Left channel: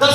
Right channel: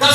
10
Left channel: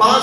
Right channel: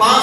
5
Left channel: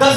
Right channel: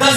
10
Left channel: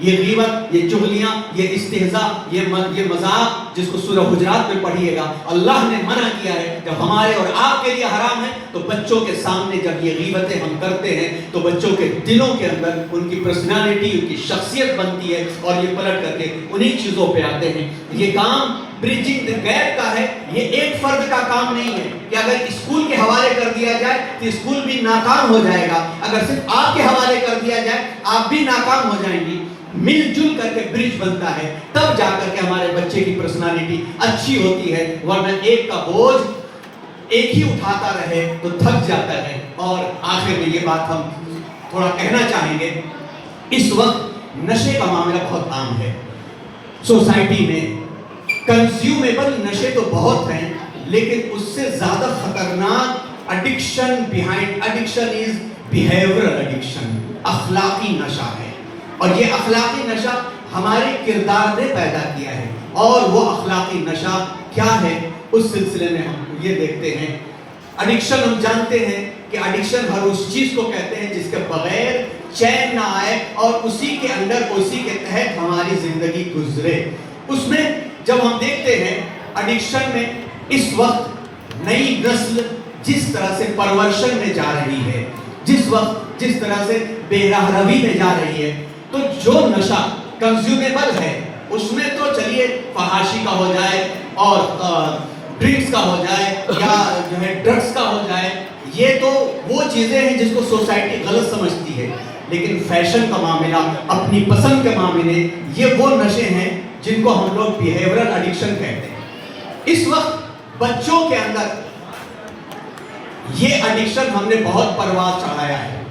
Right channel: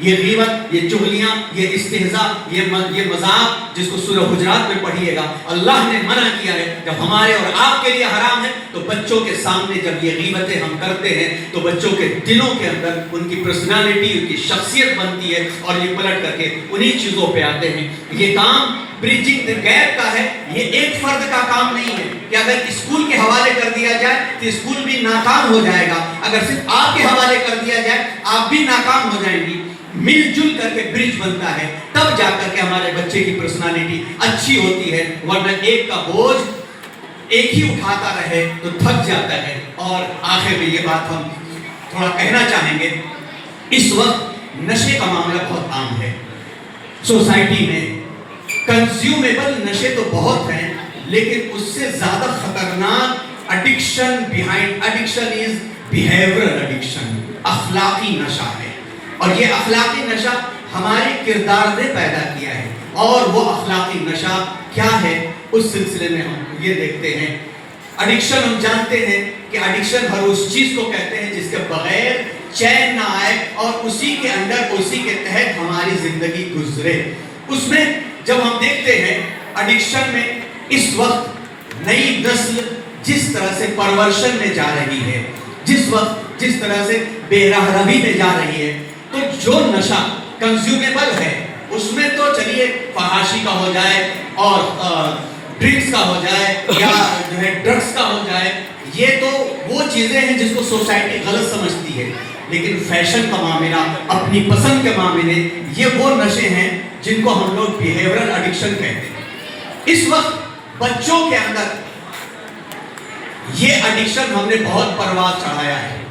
یہ غیبت، یہ چغلیاں، یہ استہزاء، یہ مذاق جس کو سورہ حجرات میں پڑھیے گا، اللہ نے منع کیا ہے کہ ہمارے اور آپ کے لیے حرام ہے. تو بچوں کے سامنے جب یہ غیبتیں ہم کرتے ہیں تو بچوں کے دلوں کے اندر ان کی پرسنالٹی، ان کی شخصیت بنتی ہے اور یہ پلٹ کر کے انہی چیزوں پہ آتے ہیں. یہ کام بریجنگ دی گیپ کا ہے. یہ ایک فرد کا کام نہیں ہے کہ اگر اسکول کے حوالے کر دیا جائے تو اسکول بھی ناکام ہو جائے گا. اگر صرف آپ کے حوالے کر دیا جائے آپ بھی ناکام ہو جائیں گی. مل جل کر کے برج بنتا ہے، تب جا کر کے ہمارے بچے کی پرسنالٹی اچھی ہوتی ہے. ورنہ ایک کا بوجھ ایک ہی اٹھاتا رہے تو تھک جاتا ہے. اور آخر میں یہ بات ہم تھوڑا کہنا چاہیں گے، اس وقت نشے کا معاملہ بہت عام ہے سوسائٹی میں. کنزیومیبل نشے تو بہت ہیں، لیکن اس سے زیادہ خطرناک ایڈکشن بیہائنڈ ایڈکشن از بیہیویئرل ایڈکشن، اخلاقی نشہ ہے. اور یہ اخلاقی نشہ ہمارے کردار نے پیدا کیا ہے. اور وہ اخلاقی نشہ کیا ہے، اس سلسلے میں ہم یہ دیکھتے ہیں. ایڈکشن ہم جانتے ہیں کہ ایڈکشن ہر اس چیز کو کہتے ہیں جس کے بغیر چین نہ آئے اور اسی کے اندر اسی کے تحت ہماری زندگی گزرے. اس میں جب ہم دیکھتے ہیں ایڈکشن میں اس وقت نئی نسل جس طرح سے پرورشن میں جا رہی ہے، جس طرح سے بے راہ روی میں جا رہی ہے، تو جو نشہ کنزیومیبل ہے اس میں تو چلیے فحاشی کا ہو جائے اور ڈرنکس کا ہو جائے یا جو ہے ڈرگس کا ہو جائے، یہ تو وہ چیزیں ہیں جس کو سوسائٹی غلط سمجھتی ہے. لیکن فیشن کا معاملہ، اپنی پسند کے معاملے، یہ وہ نشے ہیں جن کو ہم لوگ بیہیویئرل ایڈکشن کہتے ہیں. اس وقت بچوں کے اندر یہ ایڈکشن ہم نے بہت پرواز چڑھایا ہے.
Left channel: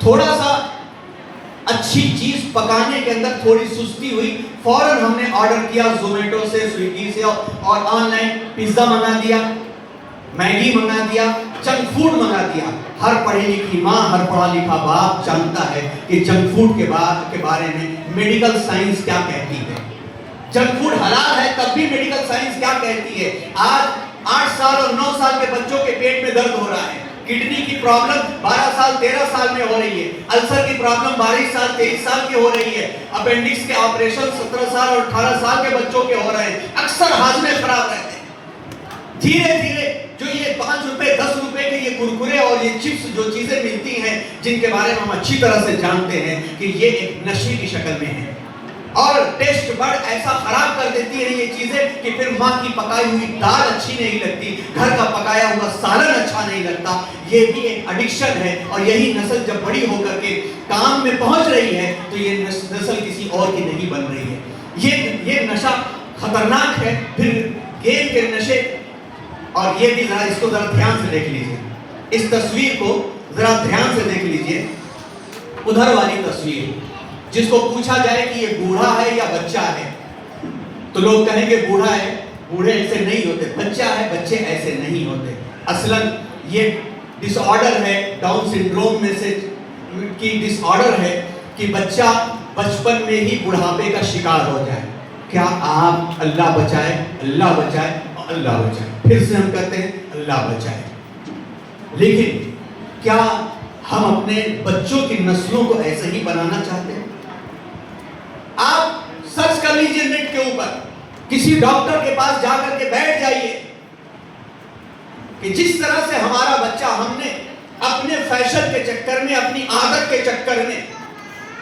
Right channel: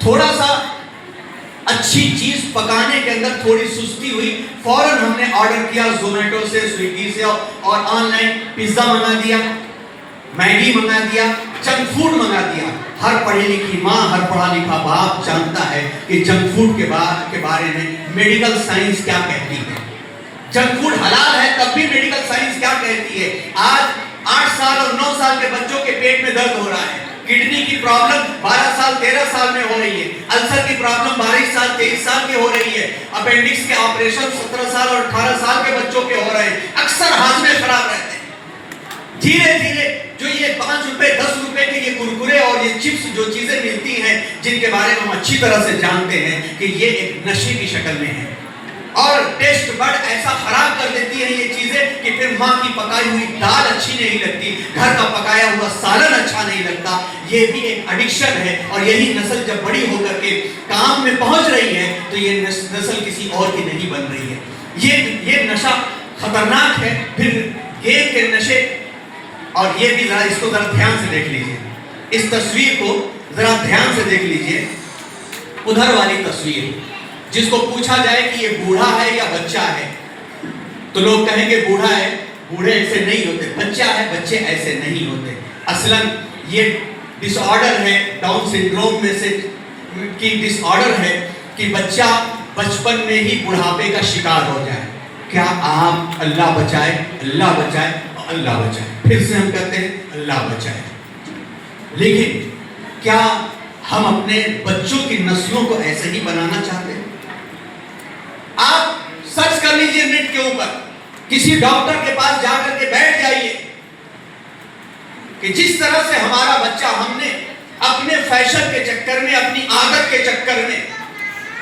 تھوڑا سا اچھی چیز پکانے کے اندر تھوڑی سستی ہوئی، فوراً ہم نے آرڈر کیا زومیٹو سے، سویگی سے، اور آن لائن پیزا منگا دیا، میگی منگا دیا، جنک فوڈ منگا دیا. ہر پڑھی لکھی ماں، ہر پڑھا لکھا باپ جانتا ہے کہ جنک فوڈ کے بارے میں میڈیکل سائنس کیا کہتی ہے. جنک فوڈ حلال ہے تب بھی میڈیکل سائنس کیا کہتی ہے. آج 8 سال اور 9 سال کے بچوں کے پیٹ میں درد ہو رہا ہے. کڈنی کی پرابلم 12 سال 13 سال میں ہو رہی ہے. السر کی پرابلم 22 سال 23 سال کی ہو رہی ہے. اپینڈکس کے آپریشن 17 سال اور 18 سال کے بچوں کے ہو رہے ہیں. اکثر ہاضمے خراب رہتے ہیں. دھیرے دھیرے جو یہ 5 روپے 10 روپے کے یہ کرکرے اور یہ چپس جو چیزیں ملتی ہیں، جن کے بارے میں ہم اچھی طرح سے جانتے ہیں کہ یہ ایک نشے کی شکل میں ہے اور ٹیسٹ بڈ ایسا خراب کر دیتی ہیں یہ چیزیں کہ پھر ماں کی پکائی ہوئی دال اچھی نہیں لگتی، گھر کا پکایا ہوا سالن اچھا نہیں لگتا. یہ بھی ایک ایڈکشن ہے. اور یہی نسل جب بڑی ہو کر کے کام میں پہنچ رہی ہے تو یہ نسل کسی اور کی نہیں بن رہی ہے. یہ نشہ خطرناک ہے. پھر گیم کے نشے، اور یہ بھی ذرا اس کو ذرا دھیان سے دیکھ لیجئے، اس تصویر کو ذرا دھیان سے دیکھ لیجئے. ادھر والی تصویر، جس کو پوچھا جائے کہ یہ بوڑھا ہے یا بچہ ہے تو لوگ کہیں گے بوڑھا ہے. بوڑھے ایسے نہیں ہوتے. بچہ ہے، بچے ایسے نہیں ہوتے. اصلاً یہ ڈس آرڈر ہے، ڈاؤن سنڈروم میں سے کی ڈس آرڈر ہے کہ بچہ بچپن میں ہی بڑھاپے کا شکار ہو جائے. کیا آپ اللہ بچائے، اللہ بچائے، اللہ بچائے، پھر سے ہم کہتے ہیں اللہ بچائے. لیکن کیا ہم اپنے بچوں کی نسلوں کو ایسے ہی بنانا چاہتے ہیں؟ آپ سرچ کر لیجئے نیٹ کے اوپر، کسی ڈاکٹر کے پاس جا کر کے بیٹھ جائیے کہ جس طرح سے ہمارا بچہ ہم نے اپنے فیشن کے چکر میں، اپنی عادت کے چکر میں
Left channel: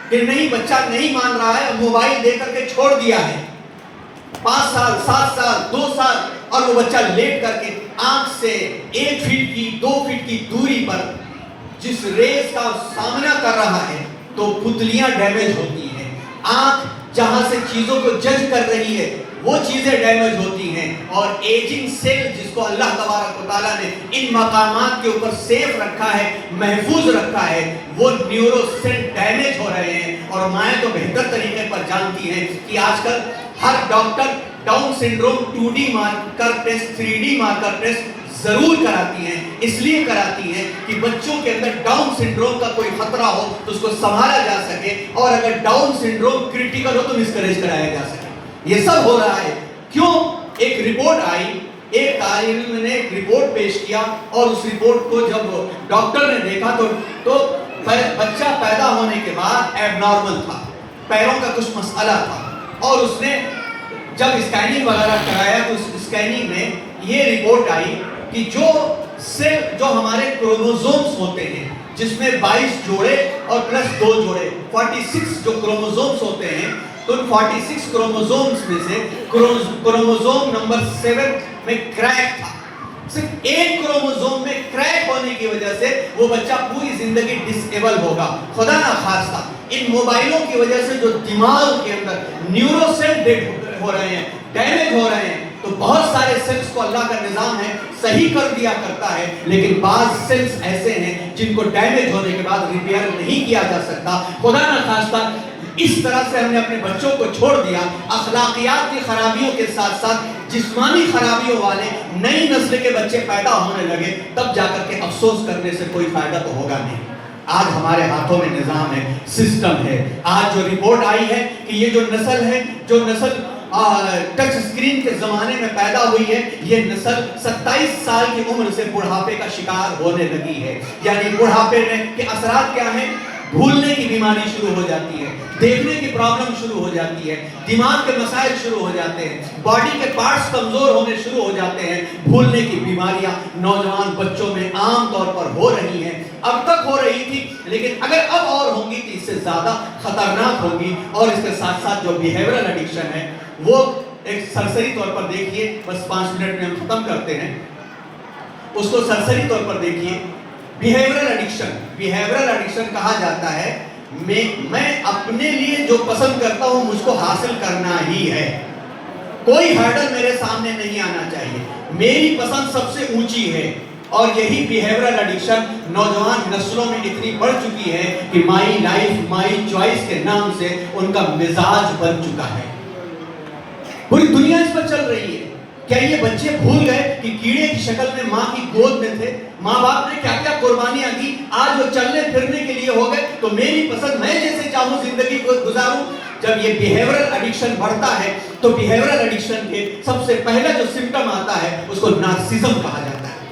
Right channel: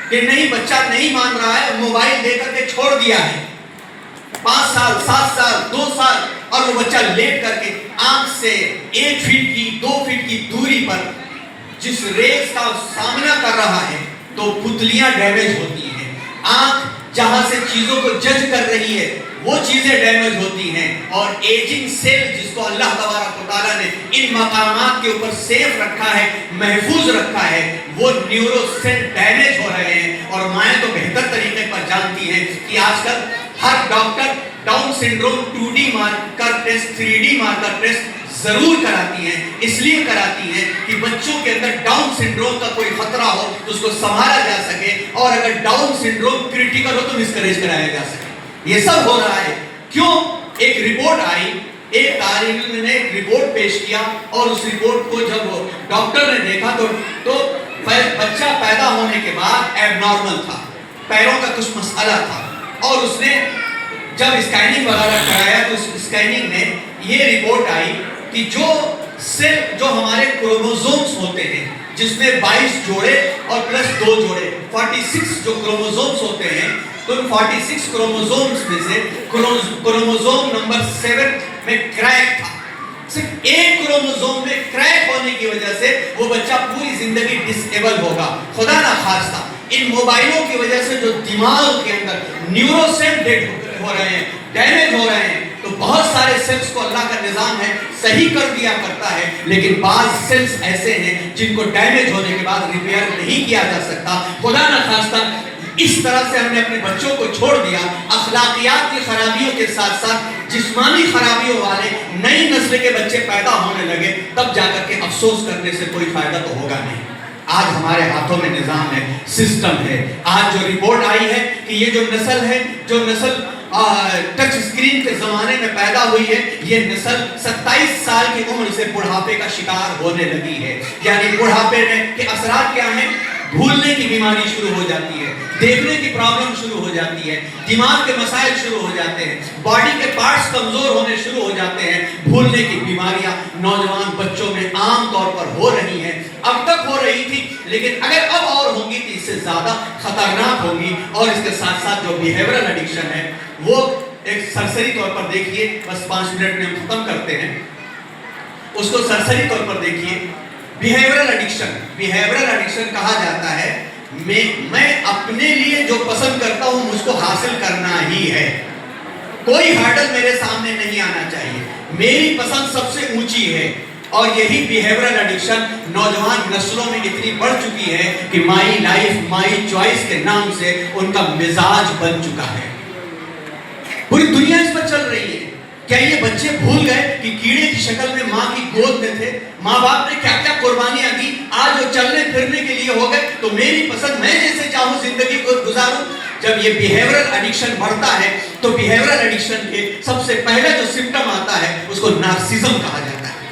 کہ نہیں بچہ نہیں مان رہا ہے، موبائل دے کر کے چھوڑ دیا ہے. 5 سال 7 سال 2 سال اور وہ بچہ لیٹ کر کے آنکھ سے 1 فٹ کی 2 فٹ کی دوری پر جس ریز کا سامنا کر رہا ہے تو پتلیاں ڈیمیج ہوتی ہیں. آنکھ جہاں سے چیزوں کو جج کر رہی ہے وہ چیزیں ڈیمیج ہوتی ہیں. اور ایجنگ سیل جس کو اللہ تبارک و تعالیٰ نے ان مقامات کے اوپر سیف رکھا ہے، محفوظ رکھا ہے، وہ نیورو سیل ڈیمیج ہو رہے ہیں. اور مائیں تو بہتر طریقے پر جانتی ہیں کہ آج کل ہر doctor down syndrome 2D marker test 3D marker test ضرور کراتی ہیں. اس لیے کراتی ہیں کہ بچوں کے اندر ڈاؤن سنڈروم کا کوئی خطرہ ہو تو اس کو سنبھالا جا سکے، اور اگر ڈاؤن سنڈروم کریٹیکل ہو تو مسکریج کرایا جا سکے. یہ سب ہو رہا ہے کیوں؟ ایک رپورٹ آئی، ایک طالب علم نے ایک رپورٹ پیش کیا اور اس رپورٹ کو جب ڈاکٹر نے دیکھا تو بچہ پیدا ہونے کے بعد ایب نارمل تھا. پیروں کا کچھ مسئلہ تھا اور اس نے جب اسکیننگ وغیرہ کرایا تو اس اسکیننگ میں یہ رپورٹ آئی کہ جو ہمارے کروموزومز ہوتے ہیں جس میں 22 جوڑے اور پلس 2 جوڑے 46 جو کروموزومز ہوتے ہیں، تو ان 46 کروموزومز میں سے کروموزوم نمبر 7 میں کریک تھا. صرف ایک کروموزوم میں کریک ہونے کی وجہ سے وہ بچہ پوری زندگی ڈس ایبل ہوگا. خدا نہ خواستہ ان موبائلوں کی وجہ سے جو دماغ کے اندر نیورو سیل ڈیڈ ہو رہے ہیں، ڈیمیج ہو رہے ہیں، تو بہت سارے سیلز کو اللہ کا نظام ہے صحیح کر دیا کرتا ہے، لیکن بعض سیلز ایسے ہیں جن کو ڈیمیج ہونے کے بعد ریپیئر نہیں کیا جا سکتا. خدا نہ خواستہ اس طرح سے ہم نے اپنے بچوں کو چھوڑ دیا. اخلاقیات کی خرابیوں کے ساتھ ساتھ جسمانی خرابیوں والے نئی نسل کے بچے پیدا ہونے لگے، تب جا کر کے افسوس کرنے سے کوئی فائدہ تو ہوگا نہیں. آج ہمارے ہاتھوں میں نظام ہے، سسٹم ہے. آج جو رپورٹ آئی ہے کہ یہ جو نسل ٹچ اسکرین کے زمانے میں پیدا ہوئی ہے، یہ نسل 27 سال کی عمر سے بڑھاپے کا شکار ہونے لگی ہے. یعنی بڑھاپے میں کے اثرات کیا ہیں؟ بھولنے کی بیماری شروع ہو جاتی ہے، دیکھنے کی پرابلم شروع ہو جاتی ہے، دماغ کے مسائل شروع ہو جاتے ہیں، باڈی کے پارٹس کمزور ہونے شروع ہو جاتے ہیں. بھولنے کی بیماریاں نوجوان بچوں میں عام طور پر ہو رہی ہیں. اب تک ہو رہی تھی، لیکن اگر اب اور ہوں گی تو اس سے زیادہ خطرناک ہوں گی. اور اس کے ساتھ ساتھ جو بیہیورل ایڈکشن ہے وہ ایک سرسری طور پر دیکھیے، بس 5 منٹ میں ہم ختم کرتے ہیں. اس کو سرسری طور پر دیکھیے. بیہیورل ایڈکشن کہا جاتا ہے میں اپنے لیے جو پسند کرتا ہوں مجھ کو حاصل کرنا ہی ہے. کوئی ہرڈل میرے سامنے نہیں آنا چاہیے، میری پسند سب سے اونچی ہے. اور یہی بیہیورل ایڈکشن نوجوان نسلوں میں اتنی بڑھ چکی ہے کہ مائی لائف مائی چوائس کے نام سے ان کا مزاج بن چکا ہے. پوری دنیا اس پر چل رہی ہے. کیا یہ بچے بھول گئے کہ کیڑے کی شکل میں ماں کی گود میں تھے؟ ماں باپ نے کیا کیا قربانیاں دی، آج وہ چلنے پھرنے کے لیے ہو گئے تو میری پسند میں جیسے چاہوں زندگی کو گزاروں. جب یہ بیہیورل ایڈکشن بڑھتا ہے تو بیہیورل ایڈکشن کے سب سے پہلا جو سمٹم آتا ہے اس کو نارسزم کہا جاتا ہے.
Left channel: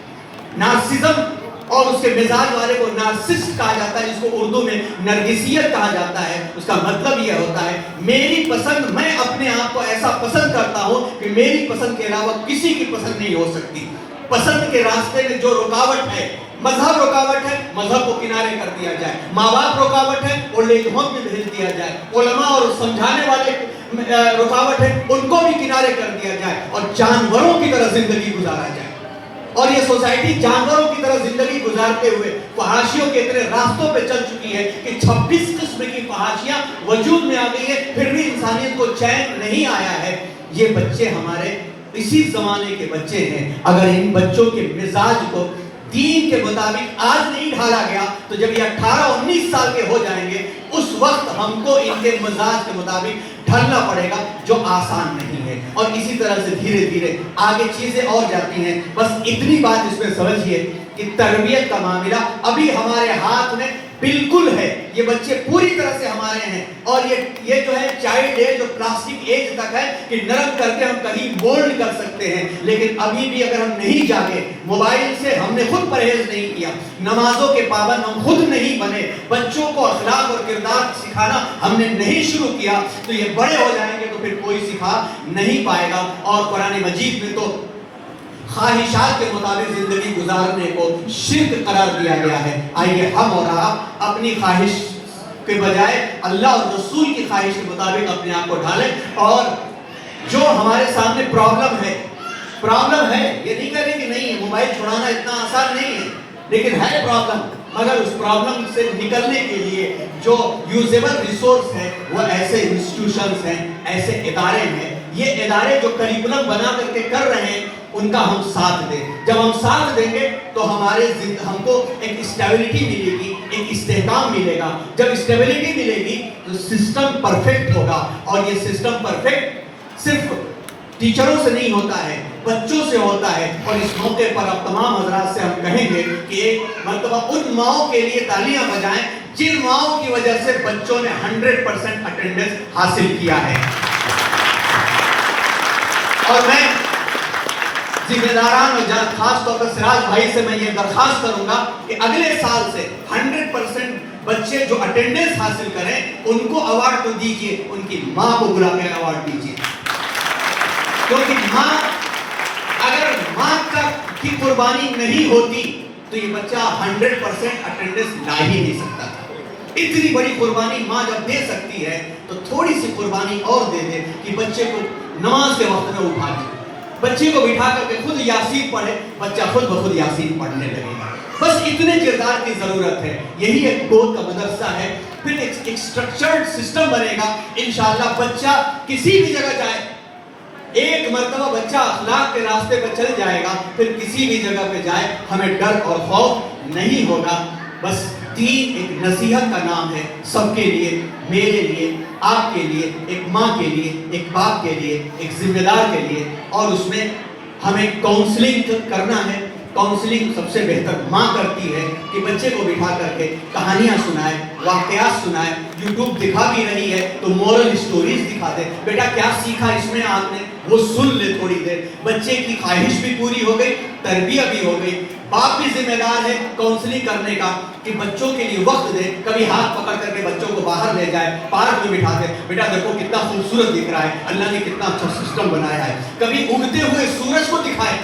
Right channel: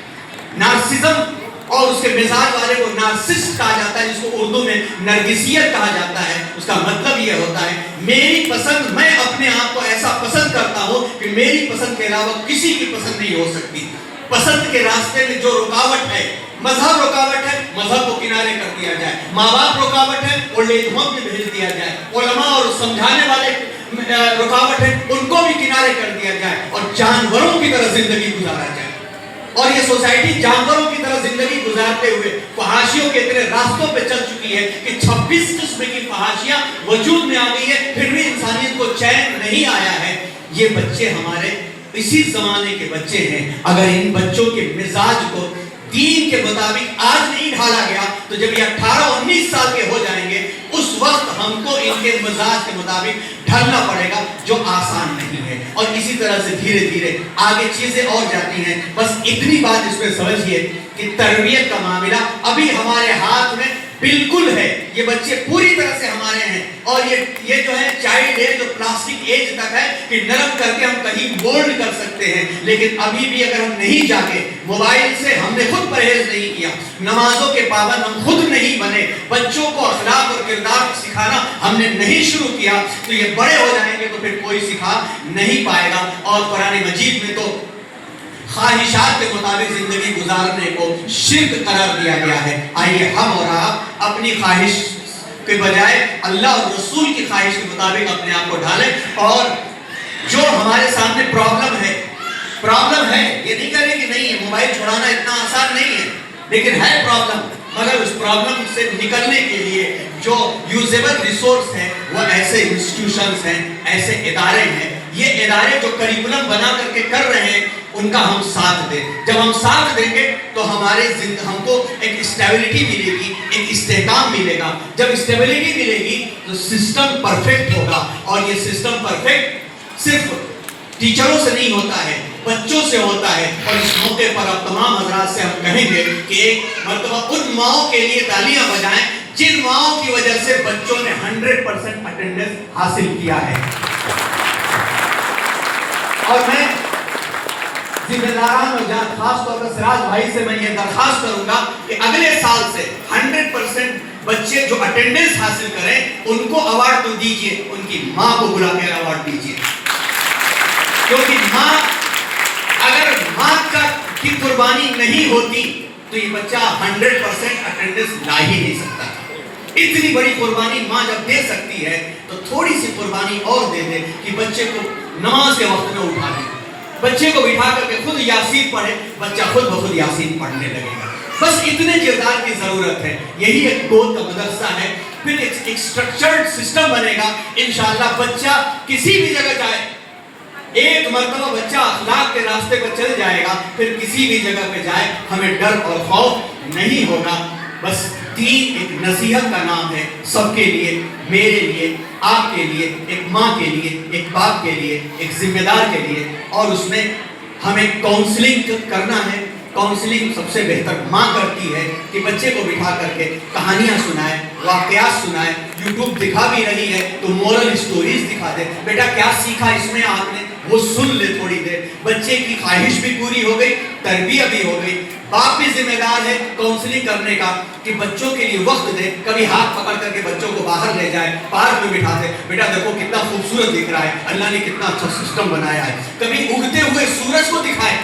نارسزم اور اس کے مزاج والے کو نارسسٹ کہا جاتا ہے، جس کو اردو میں نرگسیت کہا جاتا ہے. اس کا مطلب یہ ہوتا ہے میری پسند، میں اپنے آپ کو ایسا پسند کرتا ہوں کہ میری پسند کے علاوہ کسی کی پسند نہیں ہو سکتی. پسند کے راستے میں جو رکاوٹ ہے، مذہب رکاوٹ ہے، مذہب کو کنارے کر دیا جائے. ماں باپ رکاوٹ ہے، اولڈ ایج ہوم میں بھیج دیا جائے. علماء اور سمجھانے والے رکاوٹ ہے، ان کو بھی کنارے کر دیا جائے اور جانوروں کی طرح زندگی گزارا جائے. اور یہ سوسائٹی جانوروں کی طرح زندگی گزارتے ہوئے فحاشیوں کے اتنے راستوں پہ چل چکی ہے کہ 26 قسم کی فحاشیاں وجود میں آ گئی ہے، پھر بھی انسانیت کو چین نہیں آیا ہے. یہ بچے ہمارے اسی زمانے کے بچے ہیں. اگر ان بچوں کے مزاج کو دین کے مطابق آج نہیں ڈھالا گیا تو جب یہ 18-19 سال کے ہو جائیں گے اس وقت ہم کو ان کے مزاج کے مطابق ڈھالنا پڑے گا، جو آسان نہیں ہے. اور اسی طرح سے دھیرے دھیرے آگے چیزیں اور جاتی ہیں. بس اتنی بات اس میں سمجھیے کہ تربیت کا معاملہ ابھی ہمارے ہاتھ میں بالکل ہے. یہ بچے پوری طرح سے ہمارے ہیں اور یہ جو ہے چائلڈ ایج اور پلاسٹک ایج تک ہے کہ نرم کر کے ہم کہیں مولڈ کر سکتے ہیں. لیکن ابھی بھی اگر ہم نہیں جاگے، موبائل سے ہم نے خود پرہیز نہیں کیا، نمازوں کے پابند ہم خود نہیں بنے، بچوں کو اخلاق اور کردار سکھانا ہم نے نہیں شروع کیا، تو یہ بڑے ہو جائیں گے تو پھر کوئی سکھا نہیں پائے گا. اور قرآن مجید میں تو خواہشات کے مطابق زندگی گزارنے کو شرک قرار دیا گیا ہے. آئیے ہم اور آپ اپنی خواہش کے بجائے اللہ اور رسول کی خواہش کے مطابق اپنے آپ کو ڈھالیں. اور جو ہمارے سامنے پرابلم ہے یہ نہیں کریں کہ نہیں موبائل چھوڑانا اتنا آسان نہیں ہے، لیکن ہے پرابلم. مگر اس پرابلم سے نکلنے کے لیے جو یوزیبل ریسورس ہیں وہ ایسے انسٹیٹیوشنز ہیں، ایسے ادارے ہیں. یہ ادارے جو کریکولم بنا کر کے کر رہے ہیں ان کا ہم ساتھ دیں. جب ہم ساتھ دیں گے تو ہم کو ایک اسٹیبلٹی ملے گی، ایک استحکام ملے گا. جب اسٹیبلٹی ملے گی تو سسٹم پرفیکٹ ہوگا. اور یہ سسٹم پرفیکٹ صرف ٹیچروں سے نہیں ہوتا ہے، بچوں سے ہوتا ہے. اور اس موقع پر اب تمام حضرات سے ہم کہیں گے کہ ایک مرتبہ ان ماؤں کے لیے تالیاں بجائیں جن ماؤں کی وجہ سے بچوں نے 100% اٹینڈنس حاصل کیا ہے. اور میں ذمہ داران اور خاص طور پر سراج بھائی سے میں یہ درخواست کروں گا کہ اگلے سال سے 100% بچے جو اٹینڈنس حاصل کریں ان کو اوارڈ تو دیجئے، ان کی ماں کو بلا کر اوارڈ دیجئے، کیونکہ ماں، اگر ماں کی قربانی نہیں ہوتی تو یہ بچہ 100% اٹینڈنس لا ہی نہیں سکتا تھا۔ اتنی بڑی قربانی ماں جب دے سکتی ہے تو تھوڑی سی قربانی اور دے دے کہ بچے کو نماز کے وقت میں اٹھا دے، بچے کو بٹھا کر کے خود یاسین پڑھے، بچہ خود بخود یاسین پڑھنے لگے گا۔ بس اتنے کردار کی ضرورت ہے، یہی ایک گود کا مدرسہ ہے، پھر ایک سٹرکچرڈ سسٹم بنے گا، انشاءاللہ بچہ کسی بھی جگہ جائے، ایک مرتبہ بچہ اخلاق کے راستے پر چل جائے گا، پھر کسی بھی جگہ پہ جائے ہمیں ڈر اور خوف نہیں ہوگا۔ بس دین ایک نصیحت کا نام ہے، سب کے لیے، میرے لیے، آپ کے لیے، ایک ماں کے لیے، ایک باپ کے لیے، ایک ذمہ دار کے لیے، اور اس میں ہمیں کاؤنسلنگ کرنا ہے۔ کاؤنسلنگ سب سے بہتر ماں کرتی ہے کہ بچے کو بٹھا کر کے کہانیاں سنائے، واقعات سنائے، یوٹیوب دکھا بھی رہی ہے تو مورل سٹوریز دکھا دے، بیٹا کیا سیکھا اس میں آپ نے، وہ سن لے تھوڑی دیر، بچے کی خواہش بھی پوری ہو گئی، تربیت بھی ہو گئی۔ باپ بھی ذمہ دار ہے کاؤنسلنگ کرنے کا کہ بچوں کے لیے وقت دے، کبھی ہاتھ پکڑ کر کے بچوں کو باہر لے جائے، پارک میں بٹھا دے، بیٹا دیکھو کتنا خوبصورت دکھ رہا ہے، اللہ نے کتنا اچھا سسٹم بنایا ہے، کبھی اگتے ہوئے سورج کو دکھائے،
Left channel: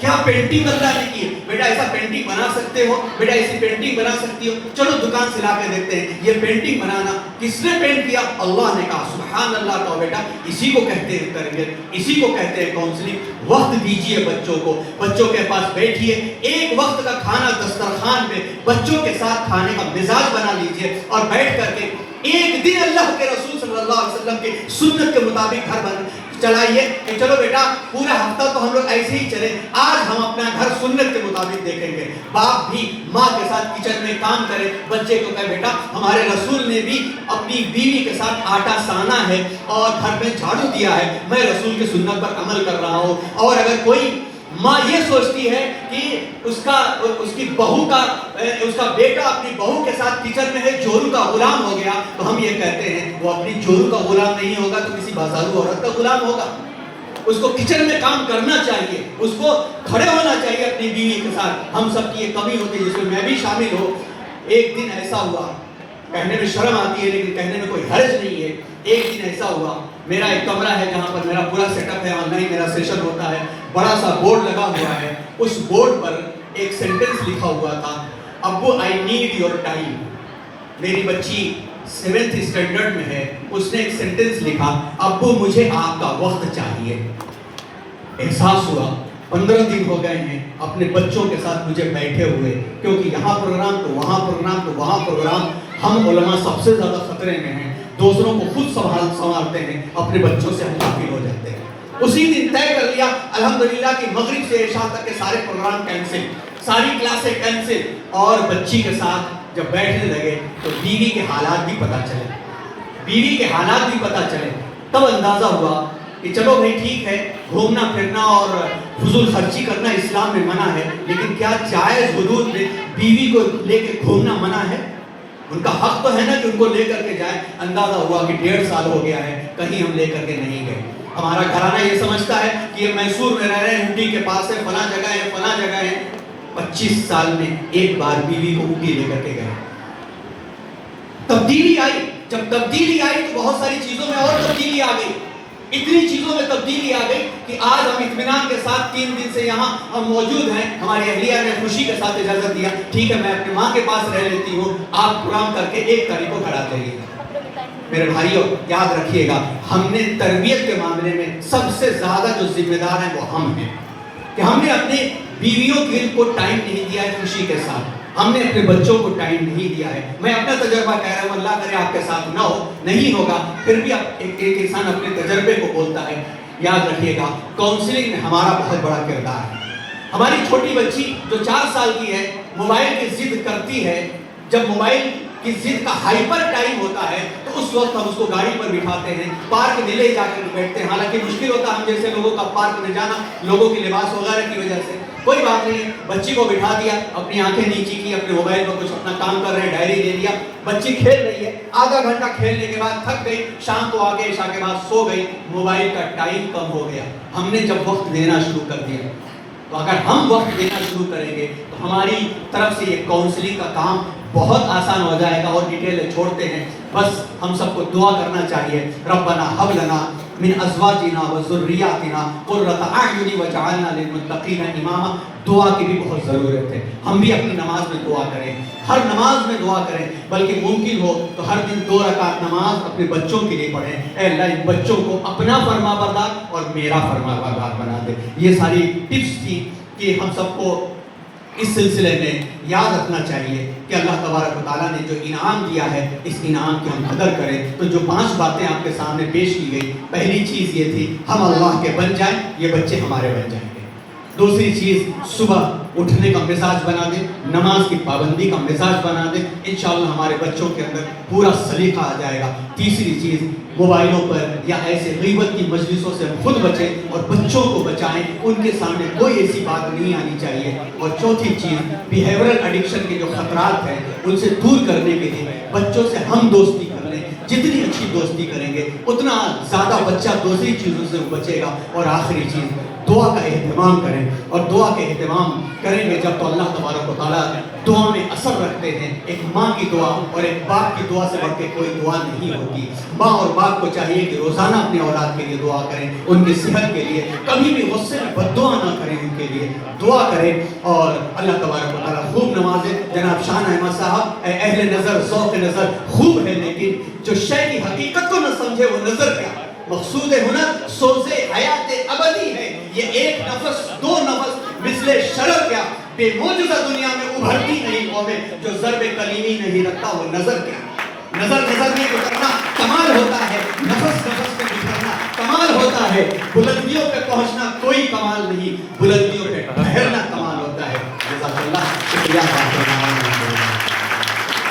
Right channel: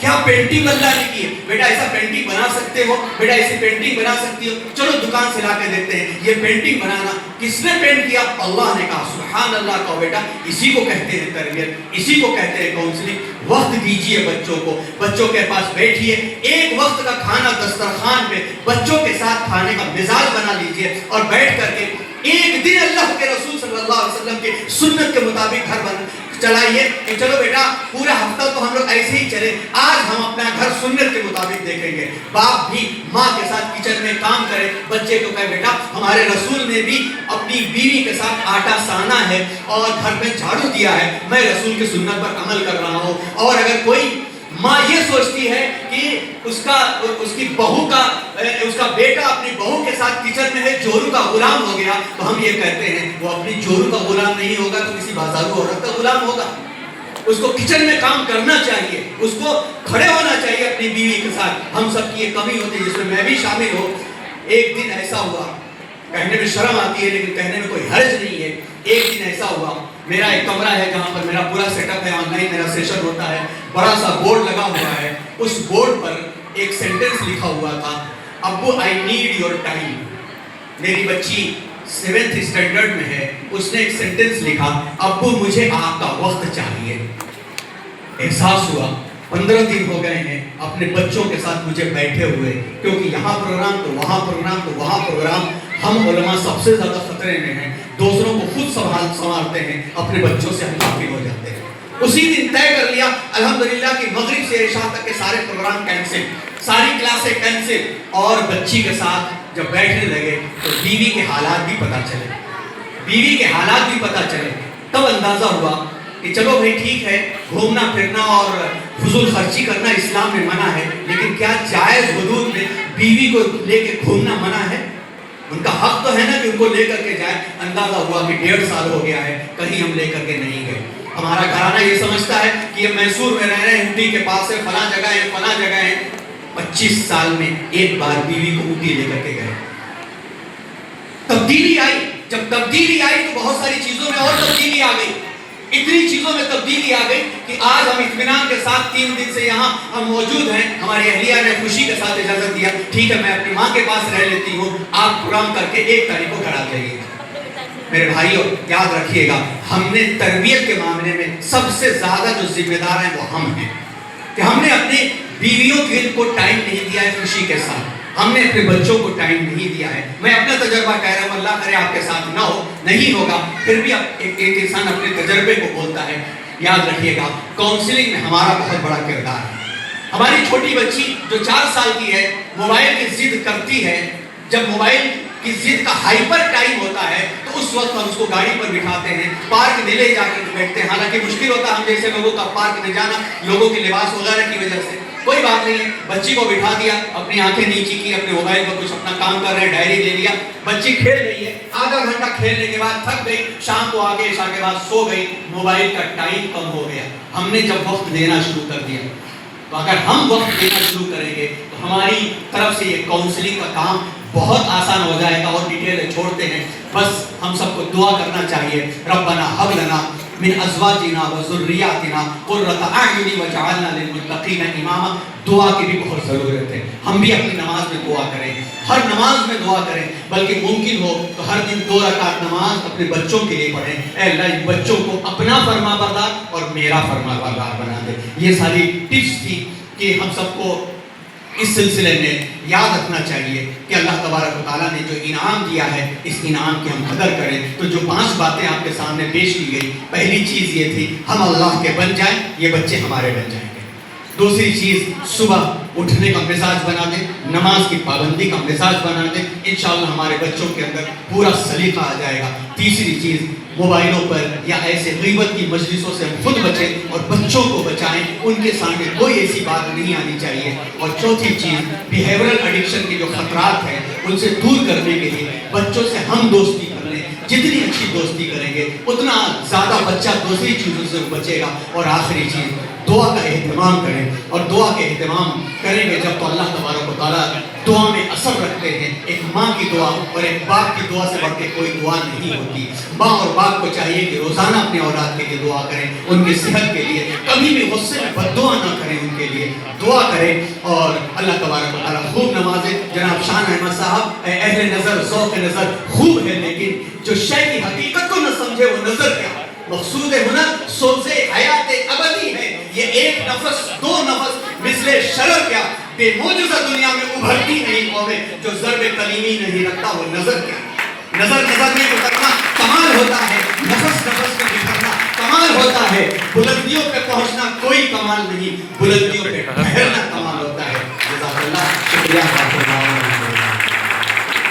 کیا پینٹنگ اللہ نے کی ہے، بیٹا ایسا پینٹنگ بنا سکتے ہو، بیٹا ایسی پینٹنگ بنا سکتی ہو، چلو دکان سے لا کے دیکھتے ہیں، یہ پینٹنگ بنانا کس نے پینٹ کیا، اللہ نے کہا، سبحان اللہ کہو بیٹا، اسی کو کہتے ہیں تربیت، اسی کو کہتے ہیں کاؤنسلنگ۔ وقت دیجئے بچوں کو، بچوں کے پاس بیٹھیے، ایک وقت کا کھانا دسترخوان پہ بچوں کے ساتھ کھانے کا مزاج بنا لیجئے، اور بیٹھ کر کے ایک دن اللہ کے رسول صلی اللہ علیہ وسلم کے سنت کے مطابق گھر چلائیے کہ چلو بیٹا پورا ہفتہ تو ہم لوگ ایسے ہی چلے، آج ہم اپنا گھر سنت کے مطابق دیکھیں گے۔ باپ بھی ماں کے ساتھ کچن میں کام کرے، بچے کو کہے بیٹا ہمارے رسول نے بھی اپنی بیوی کے ساتھ آٹا سانا ہے اور گھر میں جھاڑو دیا ہے، میں رسول کی سنت پر عمل کر رہا ہوں۔ اور اگر کوئی ماں یہ سوچتی ہے کہ اس کی بہو کا، اس کا بیٹا اپنی بہو کے ساتھ کچن میں ہے، جورو کا غلام ہو گیا، تو ہم یہ کہتے ہیں وہ اپنی جورو کا غلام نہیں ہوگا تو کسی بازارو عورت کا غلام ہوگا۔ اس کو کچن میں کام کرنا چاہیے، اس کو کھڑے ہونا چاہیے اپنی بیوی کے ساتھ۔ ہم سب کی یہ کمی ہوتی ہے جس میں میں بھی شامل ہوں۔ ایک دن ایسا ہوا، کہنے میں شرم آتی ہے لیکن کہنے میں کوئی حرج نہیں ہے، ایک دن ایسا ہوا، میرا ایک کمرہ ہے جہاں پر میرا پورا سیٹ اپ ہے، آن لائن میرا سیشن ہوتا ہے، بڑا سا بورڈ لگا ہوا ہے، اس بورڈ پر ایک سینٹنس لکھا ہوا تھا، ابو آئی نیڈ یور ٹائم۔ میری بچی 7th اسٹینڈرڈ میں ہے، اس نے ایک سینٹنس لکھا، ابو مجھے آپ کا وقت چاہیے۔ احساس ہوا 15 دن ہو گئے ہیں اپنے بچوں کے ساتھ مجھے بیٹھے ہوئے، کیونکہ یہاں پروگرام تو وہاں پروگرام تو وہاں پروگرام، ہم علماء سب سے زیادہ خطرے میں ہیں، دوسروں کو خود سنبھالتے ہیں، اپنے بچوں سے ہم غافل ہو جاتے ہیں۔ اسی دن طے کر لیا الحمدللہ کہ مغرب سے عشاء تک کے سارے پروگرام کینسل، ساری کلاسیں کینسل، اور بچی کے ساتھ جب بیٹھنے لگے تو بیوی کے حالات بھی پتہ چلے، بیوی کے حالات بھی پتہ چلے، تب اندازہ ہوا کہ چلو بھائی ٹھیک ہے، گھومنا پھرنا اور فضول خرچی کرنا اسلام میں منع ہے، لیکن کیا جائز حدود میں بیوی کو لے کے گھومنا منع ہے؟ ان کا حق تو ہے نا کہ ان کو لے کر کے جائے۔ اندازہ ہوا کہ 1.5 سال ہو گیا ہے، کہیں ہم لے کر کے نہیں گئے۔ ہمارا گھرانہ یہ سمجھتا ہے کہ یہ میسور میں رہ رہے ہیں، اونٹی کے پاس ہے، فلاں جگہ ہے، فلاں جگہ ہے۔ 25 سال میں ایک بار بیوی کو اونٹی لے کر کے گئے۔ تبدیلی آئی، جب تبدیلی آئی تو بہت ساری چیزوں میں اور تبدیلی آ گئی، اتنی چیزوں میں تبدیلی آ گئی کہ آج ہم اطمینان کے ساتھ 3 دن سے یہاں ہم موجود ہیں۔ ہماری اہلیہ نے خوشی کے ساتھ اجازت دیا، ٹھیک ہے میں اپنی ماں کے پاس رہ لیتی ہوں، آپ پروگرام کر کے 1 تاریخ کو گھر آ جائیے۔ میرے بھائیوں یاد رکھیے گا، ہم نے تربیت کے معاملے میں سب سے زیادہ جو ذمہ دار ہیں وہ ہم ہیں، کہ ہم نے اپنی بیویوں کو ٹائم نہیں دیا ہے خوشی کے ساتھ، ہم نے اپنے بچوں کو ٹائم نہیں دیا ہے۔ میں اپنا تجربہ کہہ رہا ہوں، اللہ کرے آپ کے ساتھ نہ ہو، نہیں ہوگا، پھر بھی ایک انسان اپنے تجربے کو بولتا ہے۔ یاد رکھیے گا کاؤنسلنگ میں ہمارا بہت بڑا کردار ہے۔ ہماری چھوٹی بچی جو 4 سال کی ہے، موبائل کی ضد کرتی ہے، جب موبائل کی ضد کا ہائپر ٹائم ہوتا ہے تو اس وقت ہم اس کو گاڑی پر بٹھاتے ہیں، پارک میں لے جا کر بیٹھتے ہیں، حالانکہ مشکل ہوتا ہے ہم جیسے لوگوں کا پارک میں جانا، لوگوں کے لباس وغیرہ کی وجہ سے، کوئی بات نہیں ہے، بچی کو بٹھا دیا، اپنی آنکھیں نیچی کی، اپنے موبائل پر کچھ اپنا کام کر رہے ہیں، ڈائری لے لیا، بچی کھیل رہی ہے، آدھا گھنٹہ کھیلنے کے بعد تھک گئی، شام کو آگے عشاء کے بعد سو گئی، موبائل کا ٹائم کم ہو گیا۔ ہم نے جب وقت دینا شروع کر دیا، تو اگر ہم وقت دینا شروع کریں گے تو ہماری طرف سے یہ کاؤنسلنگ کا کام بہت آسان ہو جائے گا اور ڈیٹیلیں چھوڑتے ہیں. بس ہم سب کو دعا کرنا چاہیے. ربنا هب لنا من ازواجنا و ذریاتنا قرۃ اعین واجعلنا للمتقین اماما. دعا کی بھی بہت ضرورت ہے. ہم بھی اپنی نماز میں دعا کریں, ہر نماز میں دعا کریں, بلکہ ممکن ہو تو ہر دن 2 رکعت نماز اپنے بچوں کے لیے پڑھیں. اے اللہ ان بچوں کو اپنا فرما بردار اور میرا فرما بردار بنا دے. یہ ساری ٹپس تھی کہ ہم سب کو اس سلسلے میں یاد رکھنا چاہیے کہ اللہ تبارک و تعالیٰ نے جو انعام دیا ہے اس انعام کی ہم قدر کریں. تو جو 5 باتیں آپ کے سامنے پیش کی گئی, پہلی چیز یہ تھی ہم اللہ کے بن جائیں, یہ بچے ہمارے بن جائیں گے. دوسری چیز صبح اٹھنے کا مزاج بنا دیں, نماز کی پابندی کا مزاج بنا دیں, انشاءاللہ ہمارے بچوں کے اندر پورا سلیقہ آ جائے گا. تیسری چیز موبائلوں پر یا ایسے غیبت کی مجلسوں سے خود بچیں اور بچوں کو بچائیں, ان کے سامنے کوئی ایسی بات نہیں آنی چاہیے. اور چوتھی چیز بیہیورل ایڈکشن کے جو خطرات ہیں ان سے دور کرنے کے لیے بچوں سے ہم دوستی کر لیں. جتنی اچھی دوستی کریں گے اتنا زیادہ بچہ دوسری چیزوں سے بچے گا. اور آخری چیز دعا کا اہتمام کریں, اور دعا کے اہتمام کریں گے جب تو اللہ تبارک و تعالیٰ دعا میں اثر رکھتے ہیں. ایک ماں کی دعا اور ایک باپ کی دعا سے بڑھ کے کوئی دعا نہیں ہوتی. ماں اور باپ کو چاہیے کہ روزانہ اپنے اولاد کے لیے دعا کریں, ان کی صحت کے لیے. کبھی بھی غصے میں بد دعا نہ کریں, ان کے لیے دعا کریں. اور اللہ تبارک و تعالیٰ خوب نوازے. جناب شان احمد صاحب, اہل نظر ذوق نظر خوب ہے, لیکن جو شے کی حقیقت کو نہ سمجھے وہ نظر کیا. مقصود ہنر سوز حیات ابدی ہے. یہ ایک نفس 2 نفس مثل شرر کیا بے معجزہ دنیا میں ابھرتی نہیں قومیں. جو ضرب کلیمی نہیں رکھتا وہ نظر کیا. نظر میں گزرنا کمال ہوتا ہے, نفس میں گزرنا کمال ہوتا ہے. بلندیوں پہ پہنچنا کوئی کمال نہیں, بلندیوں پہ ٹھہرنا کمال ہوتا ہے. جزاک اللہ. شکریہ.